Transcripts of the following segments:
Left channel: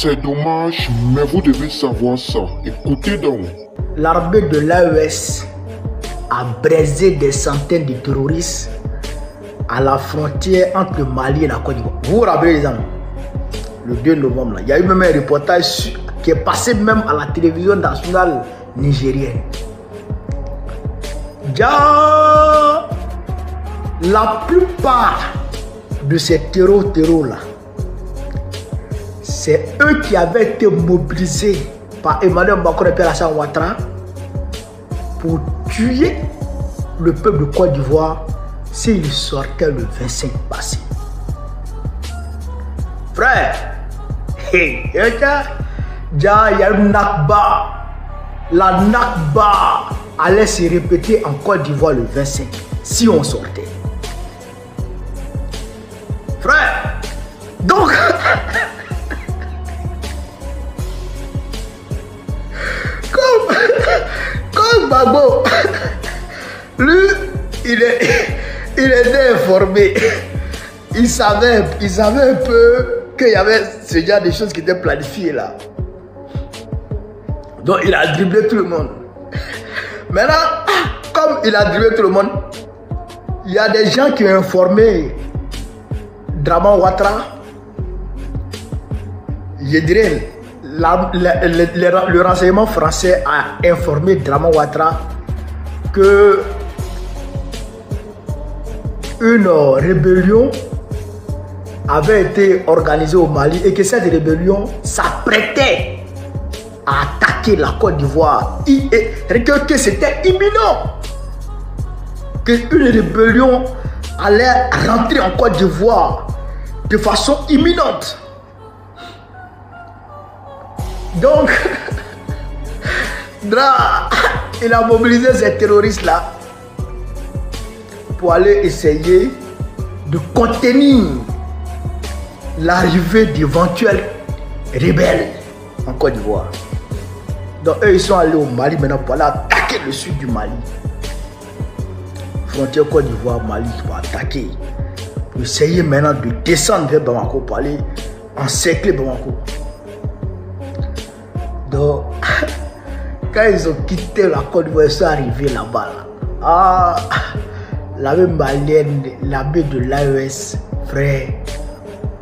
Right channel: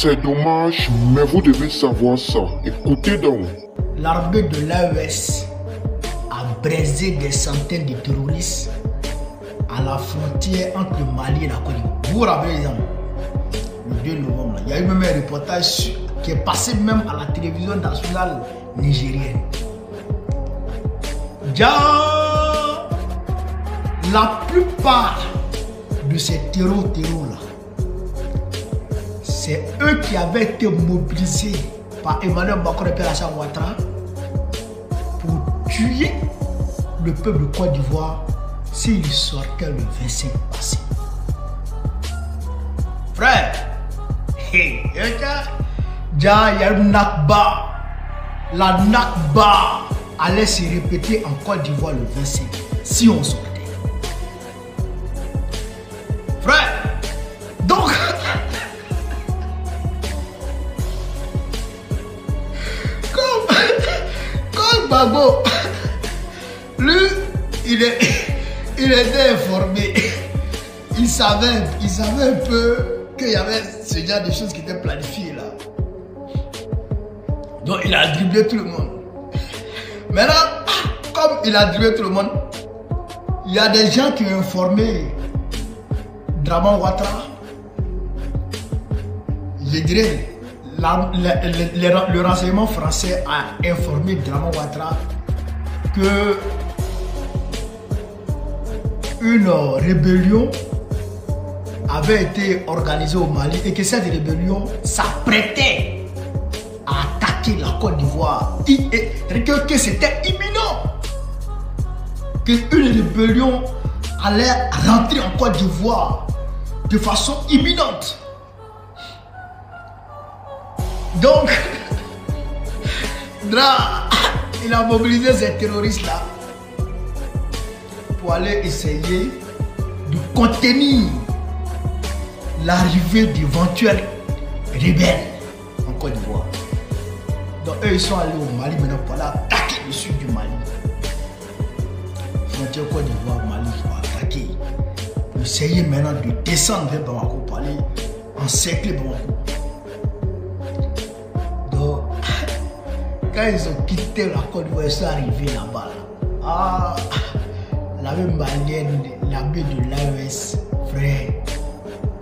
C'est dommage, mais vous devez savoir ça. Écoutez donc. L'armée de l'AES a braisé des centaines de terroristes à la frontière entre le Mali et la Côte d'Ivoire. Vous vous rappelez les amis? Le 2 novembre, là, il y a eu même un reportage qui est passé même à la télévision nationale nigérienne. Déjà, la plupart de ces terrors-là, c'est eux qui avaient été mobilisés par Emmanuel Macron et Alassane Ouattara pour tuer le peuple de Côte d'Ivoire s'il sortait le 25 passé. Frère, il y a une Nakba. La Nakba allait se répéter en Côte d'Ivoire le 25 si on sortait. Frère, donc comme Babo, lui, il était informé. Il savait un peu qu'il y avait ce genre de choses qui étaient planifiées là. Donc il a dribblé tout le monde. Maintenant, comme il a dribblé tout le monde, il y a des gens qui ont informé Dramane Ouattara. Je dirais, le renseignement français a informé Dramane Ouattara que une rébellion avait été organisée au Mali et que cette rébellion s'apprêtait à attaquer la Côte d'Ivoire. Que c'était imminent. Qu'une rébellion allait rentrer en Côte d'Ivoire de façon imminente. Donc, il a mobilisé ces terroristes-là pour aller essayer de contenir l'arrivée d'éventuels rebelles en Côte d'Ivoire. Donc eux ils sont allés au Mali maintenant pour aller attaquer le sud du Mali. Frontière Côte d'Ivoire, Mali qui va attaquer. Pour essayer maintenant de descendre vers Bamako pour aller encercler Bamako. Donc quand ils ont quitté la Côte d'Ivoire, ils sont arrivés là-bas. Ah, l'armée malienne, l'armée de l'AES, frère,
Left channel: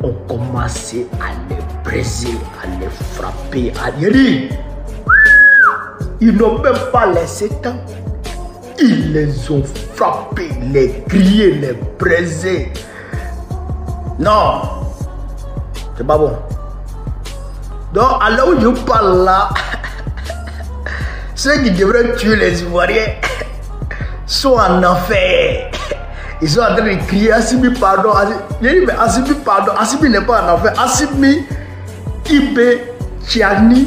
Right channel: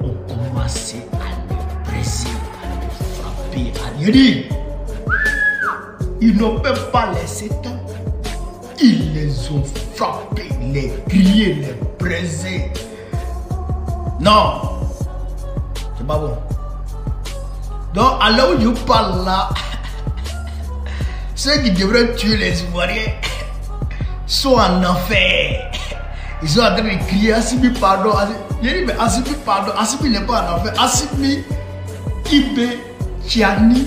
ont commencé à les briser, à les frapper, à les dire. Ils n'ont même pas laissé temps. Ils les ont frappés, les grillés, les brisés. Non, c'est pas bon. Donc, à l'heure où je parle là, ceux qui devraient tuer les Ivoiriens sont en enfer. Ils sont en train de crier Assimi pardon. Je dis mais Assimi pardon. Assimi n'est pas en enfer. Assimi, Ibé, Tchani,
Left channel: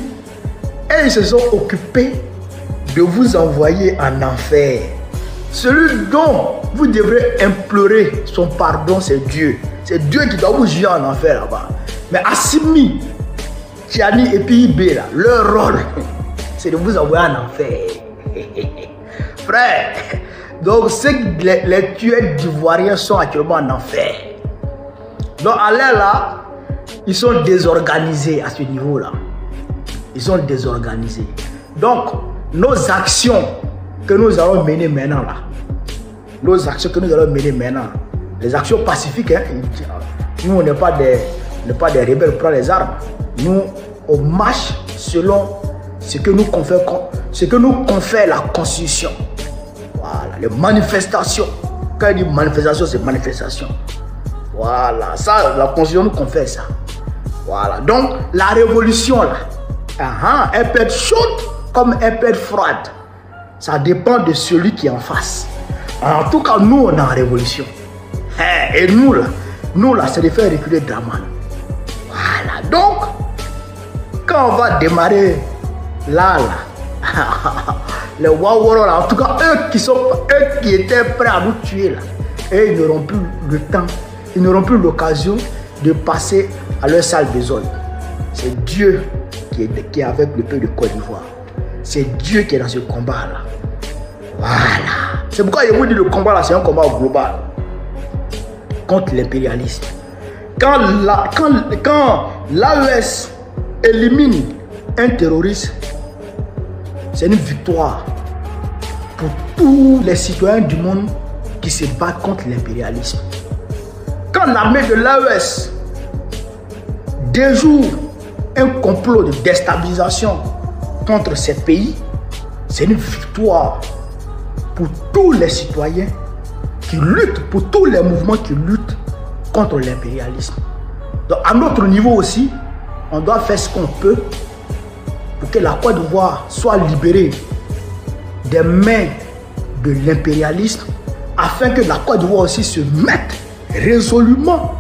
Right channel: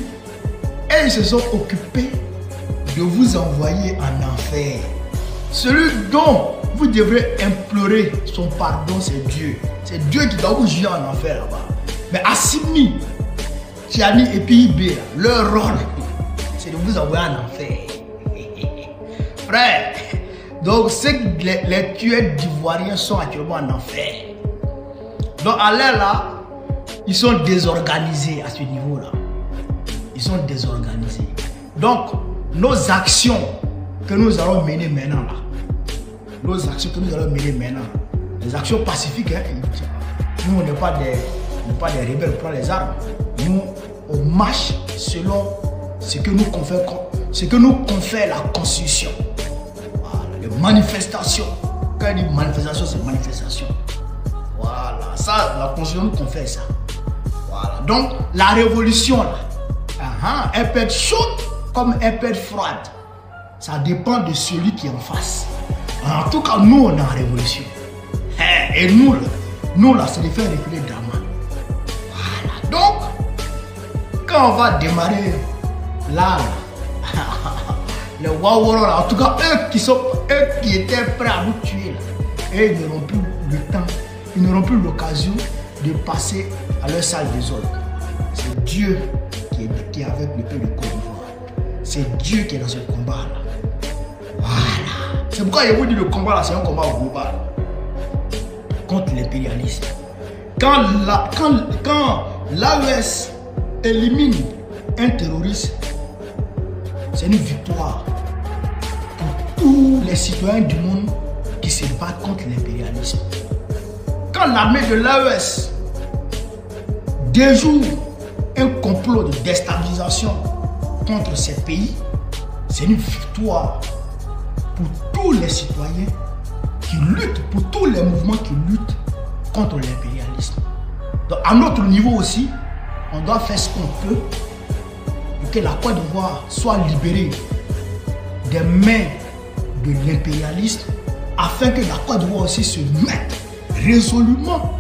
et ils se sont occupés de vous envoyer en enfer. Celui dont vous devrez implorer son pardon, c'est Dieu. C'est Dieu qui doit vous juger en enfer là-bas. Mais Assimi, Tchani et puis Ibé, là, leur rôle, c'est de vous envoyer en enfer. Frère, donc les tueurs d'Ivoiriens sont actuellement en enfer. Donc à l'air là, ils sont désorganisés à ce niveau-là. Ils sont désorganisés. Donc, nos actions que nous allons mener maintenant là, les actions pacifiques, hein, nous on n'est pas des rebelles pour prendre les armes. Nous, on marche selon ce que nous confère la Constitution. Voilà, les manifestations. Quand il dit manifestation, c'est manifestation. Voilà, ça, la Constitution nous confère ça. Voilà, donc la révolution là, elle peut être chaude comme elle peut être froide. Ça dépend de celui qui est en face. En tout cas, nous, on est en révolution. Et nous là, c'est de faire reculer Dramane. Voilà, donc, quand on va démarrer là, les Waworo là, en tout cas, eux qui étaient prêts à nous tuer là, et ils n'auront plus le temps, ils n'auront plus l'occasion de passer à leur salle de zone. C'est Dieu qui est avec le peuple de Côte d'Ivoire. C'est Dieu qui est dans ce combat là. Voilà. C'est pourquoi je vous dis le combat là, c'est un combat global contre l'impérialisme. Quand l'AES élimine un terroriste, c'est une victoire pour tous les citoyens du monde qui se battent contre l'impérialisme. Quand l'armée de l'AES déjoue un complot de déstabilisation contre ces pays, c'est une victoire pour tous les citoyens qui luttent, pour tous les mouvements qui luttent contre l'impérialisme. Donc à notre niveau aussi, on doit faire ce qu'on peut pour que la Côte d'Ivoire soit libérée des mains de l'impérialisme, afin que la Côte d'Ivoire aussi se mette résolument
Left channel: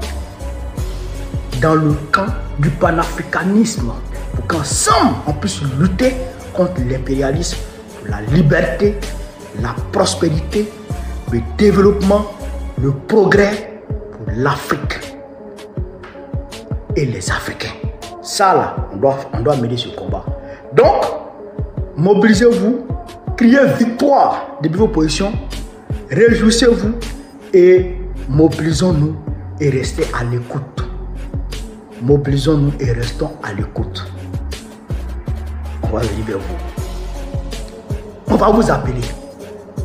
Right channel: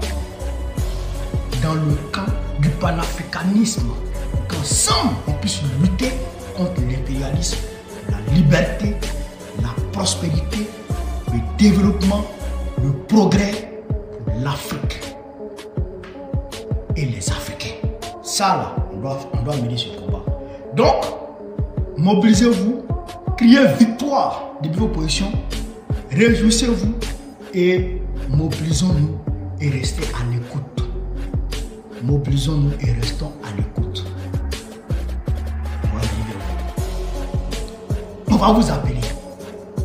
dans le camp du panafricanisme, pour qu'ensemble on puisse lutter contre l'impérialisme, la liberté, la prospérité, le développement, le progrès pour l'Afrique et les Africains. Ça là, on doit mener ce combat. Donc, mobilisez-vous, criez victoire depuis vos positions, réjouissez-vous et mobilisons-nous et restez à l'écoute. Mobilisons-nous et restons à l'écoute. On va venir vers vous. On va vous appeler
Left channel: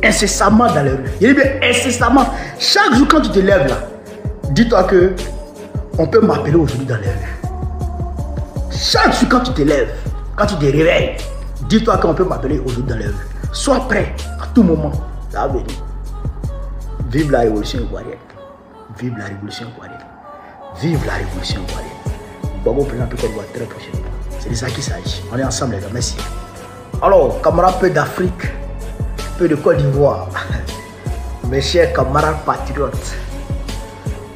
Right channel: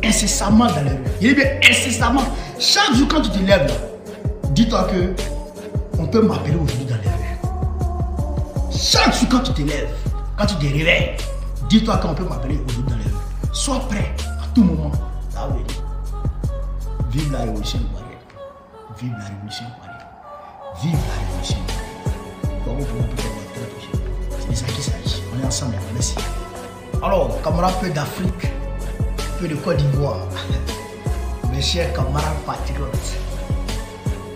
incessamment dans les rues. Je dis bien incessamment. Chaque jour quand tu te lèves là, dis-toi que on peut m'appeler aujourd'hui dans les rues. Chaque jour quand tu te lèves, quand tu te réveilles, dis-toi qu'on peut m'appeler aujourd'hui dans les rues. Sois prêt à tout moment. Ça va venir. Vive la révolution ivoirienne. Vive la révolution ivoirienne. Vive la révolution ivoirienne. Bon, président peut-être voir très prochainement. C'est de ça qu'il s'agit. On est ensemble les gars. Merci. Alors, camarades peu d'Afrique, peu de Côte d'Ivoire, mes chers camarades patriotes,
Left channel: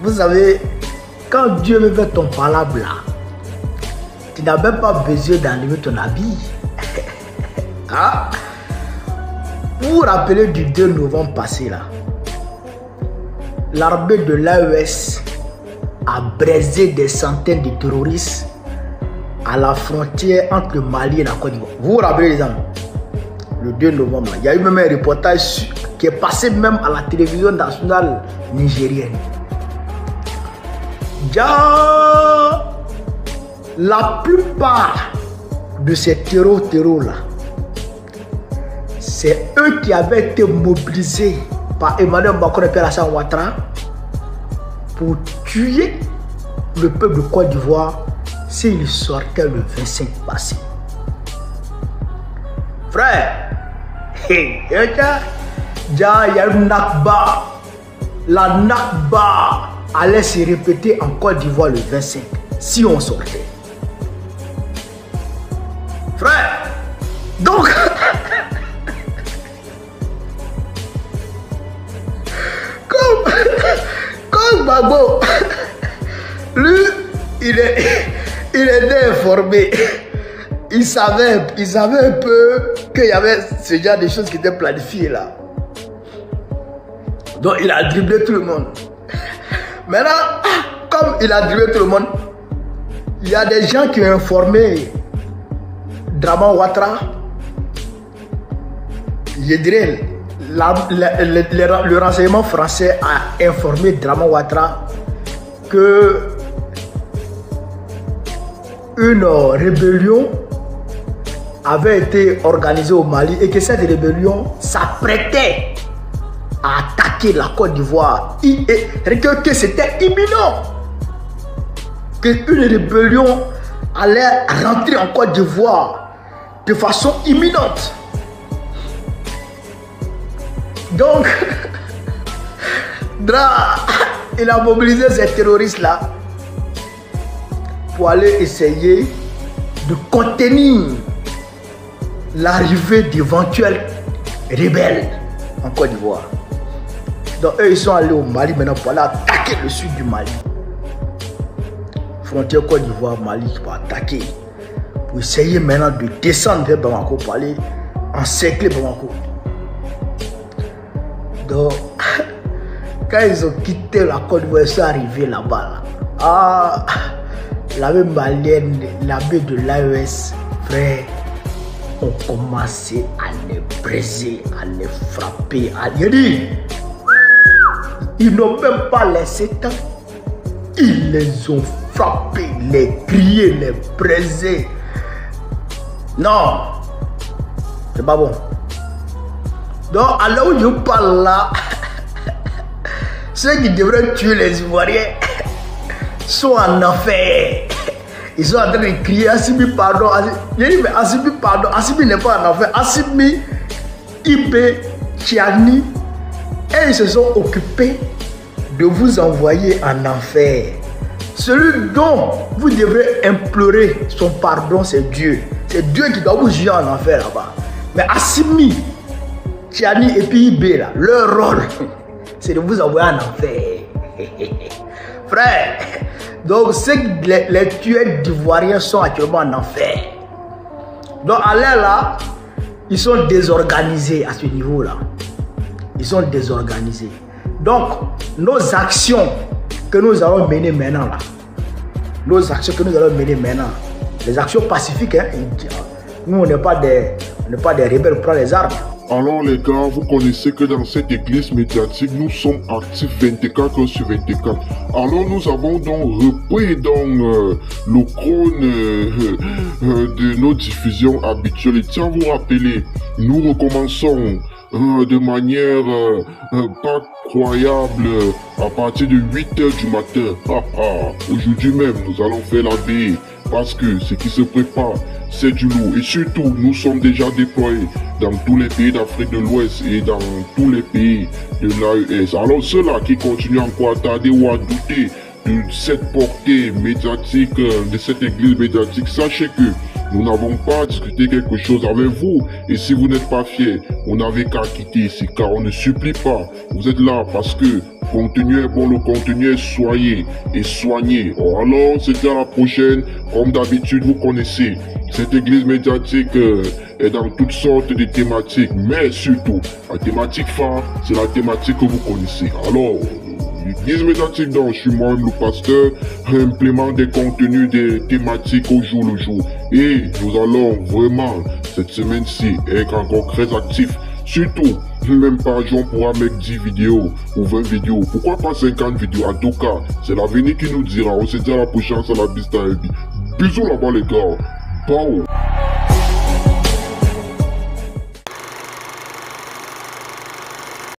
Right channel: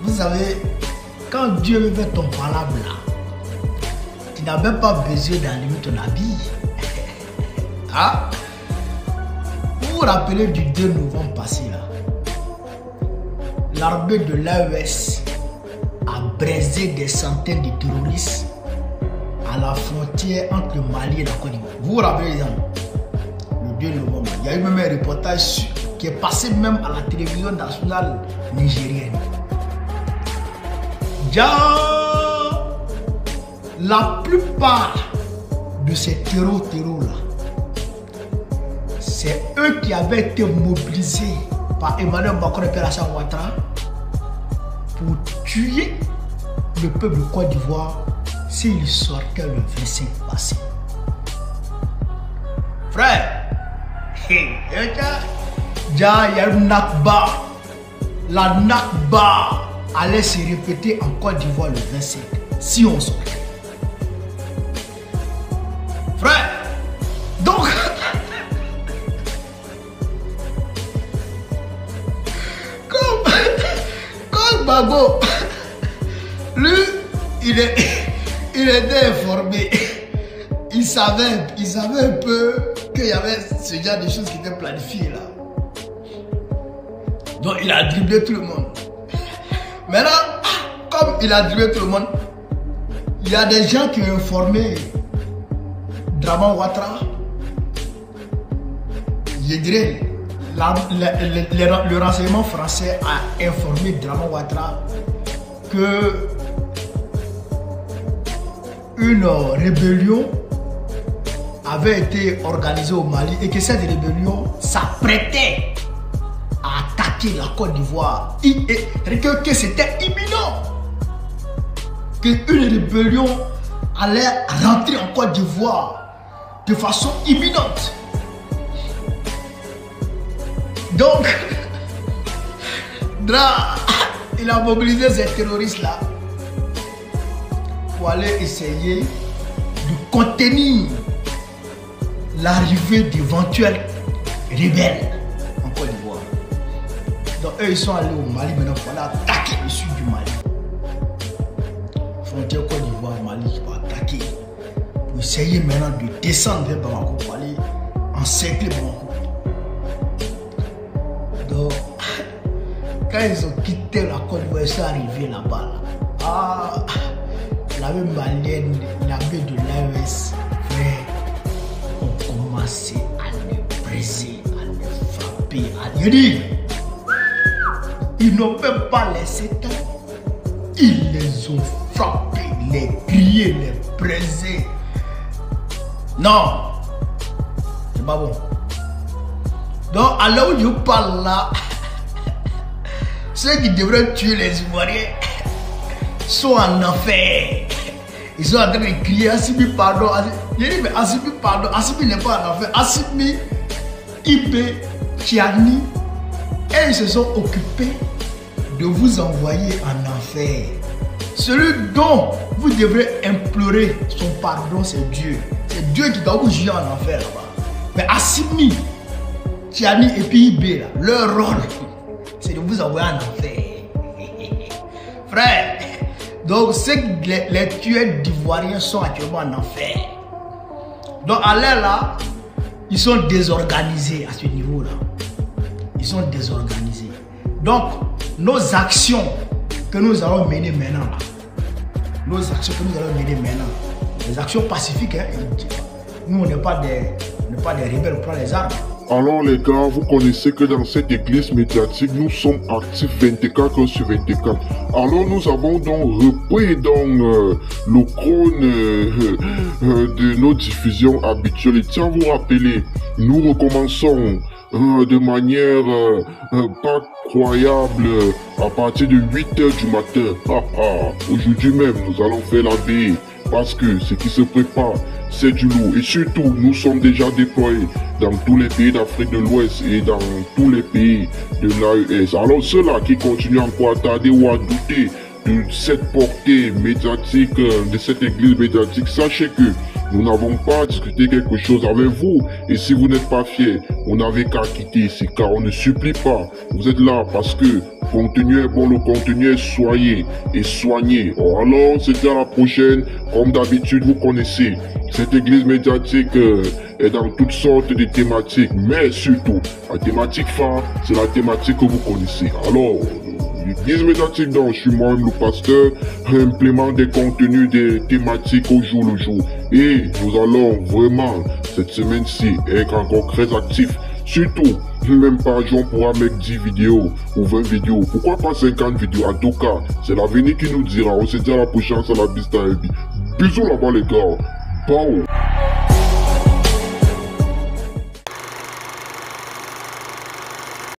vous savez, quand Dieu me fait ton palabre là, tu n'as même pas besoin d'enlever ton habit. Hein? Vous vous rappelez du 2 novembre passé là, l'armée de l'AES a braisé des centaines de terroristes à la frontière entre le Mali et la Côte d'Ivoire. Vous vous rappelez les amis? Le 2 novembre, il y a eu même un reportage qui est passé même à la télévision nationale nigérienne. La plupart de ces terreaux là, c'est eux qui avaient été mobilisés par Emmanuel Macron et Alassane Ouattara pour tuer le peuple de Côte d'Ivoire s'il sortait le 25 passé. Frère, il y a une Nakba. La Nakba allait se répéter en Côte d'Ivoire le 25 si on sortait. Frère, donc comme Bago, lui, il était informé. Il savait un peu qu'il y avait ce genre de choses qui étaient planifiées là. Donc il a dribblé tout le monde. Maintenant, comme il a dribblé tout le monde, il y a des gens qui ont informé Dramane Ouattara. Je dirais, le renseignement français a informé Dramane Ouattara que une rébellion avait été organisée au Mali et que cette rébellion s'apprêtait à attaquer la Côte d'Ivoire. Que c'était imminent. Qu'une rébellion allait rentrer en Côte d'Ivoire de façon imminente. Donc, il a mobilisé ces terroristes-là pour aller essayer de contenir l'arrivée d'éventuels rebelles en Côte d'Ivoire. Donc eux ils sont allés au Mali maintenant pour aller attaquer le sud du Mali. Frontière Côte d'Ivoire, Mali pour attaquer. Pour essayer maintenant de descendre vers Bamako pour aller encercler Bamako. Donc quand ils ont quitté la Côte d'Ivoire, ils sont arrivés là-bas. Ah, l'armée malienne, l'armée de l'AES, frère, ont commencé à les briser, à les frapper, à les dire. Ils n'ont même pas laissé temps. Ils les ont frapper, les crier, les briser. Non, c'est pas bon. Donc, à l'heure où je parle là, ceux qui devraient tuer les Ivoiriens sont en enfer. Ils sont en train de crier Assimi pardon. Je dis mais Assimi pardon. Assimi n'est pas en enfer. Assimi, Ibé, Tiani, et ils se sont occupés de vous envoyer en enfer. Celui dont vous devrez implorer son pardon, c'est Dieu. C'est Dieu qui doit vous juger en enfer là-bas. Mais Assimi, Tiani et puis Ibé, là, leur rôle, c'est de vous envoyer en enfer. Frère, donc les tueurs d'Ivoiriens sont actuellement en enfer. Donc à l'air là, ils sont désorganisés à ce niveau-là. Ils sont désorganisés. Donc, nos actions que nous allons mener maintenant, là, nos actions que nous allons mener maintenant, les actions pacifiques, hein, nous on n'est pas des rebelles, on prend les armes. Alors les gars, vous connaissez que dans cette église médiatique, nous sommes actifs 24 heures sur 24. Alors nous avons donc repris le chrono de nos diffusions habituelles. Et tiens, vous rappelez, nous recommençons de manière pas croyable à partir de 8 heures du matin. Aujourd'hui même, nous allons faire la veille parce que ce qui se prépare, c'est du lourd. Et surtout, nous sommes déjà déployés dans tous les pays d'Afrique de l'Ouest et dans tous les pays de l'AES. Alors ceux-là qui continuent encore à tarder ou à douter de cette portée médiatique, de cette église médiatique, sachez que nous n'avons pas discuté quelque chose avec vous. Et si vous n'êtes pas fiers, vous n'avez qu'à quitter ici, car on ne supplie pas. Vous êtes là parce que le contenu est bon, le contenu est soigné et soigné. Alors, c'est à la prochaine. Comme d'habitude, vous connaissez, cette église médiatique est dans toutes sortes de thématiques. Mais surtout, la thématique phare, c'est la thématique que vous connaissez. Alors, l'église médiatique dont je suis moi-même le pasteur, implémente des contenus, des thématiques au jour le jour. Et nous allons vraiment, cette semaine-ci, être encore très actifs. Surtout, même par jour, on pourra mettre 10 vidéos ou 20 vidéos. Pourquoi pas 50 vidéos? En tout cas, c'est l'avenir qui nous dira. On se dit à la prochaine, c'est la Bista Heavy. Bisous là-bas les gars. Bye.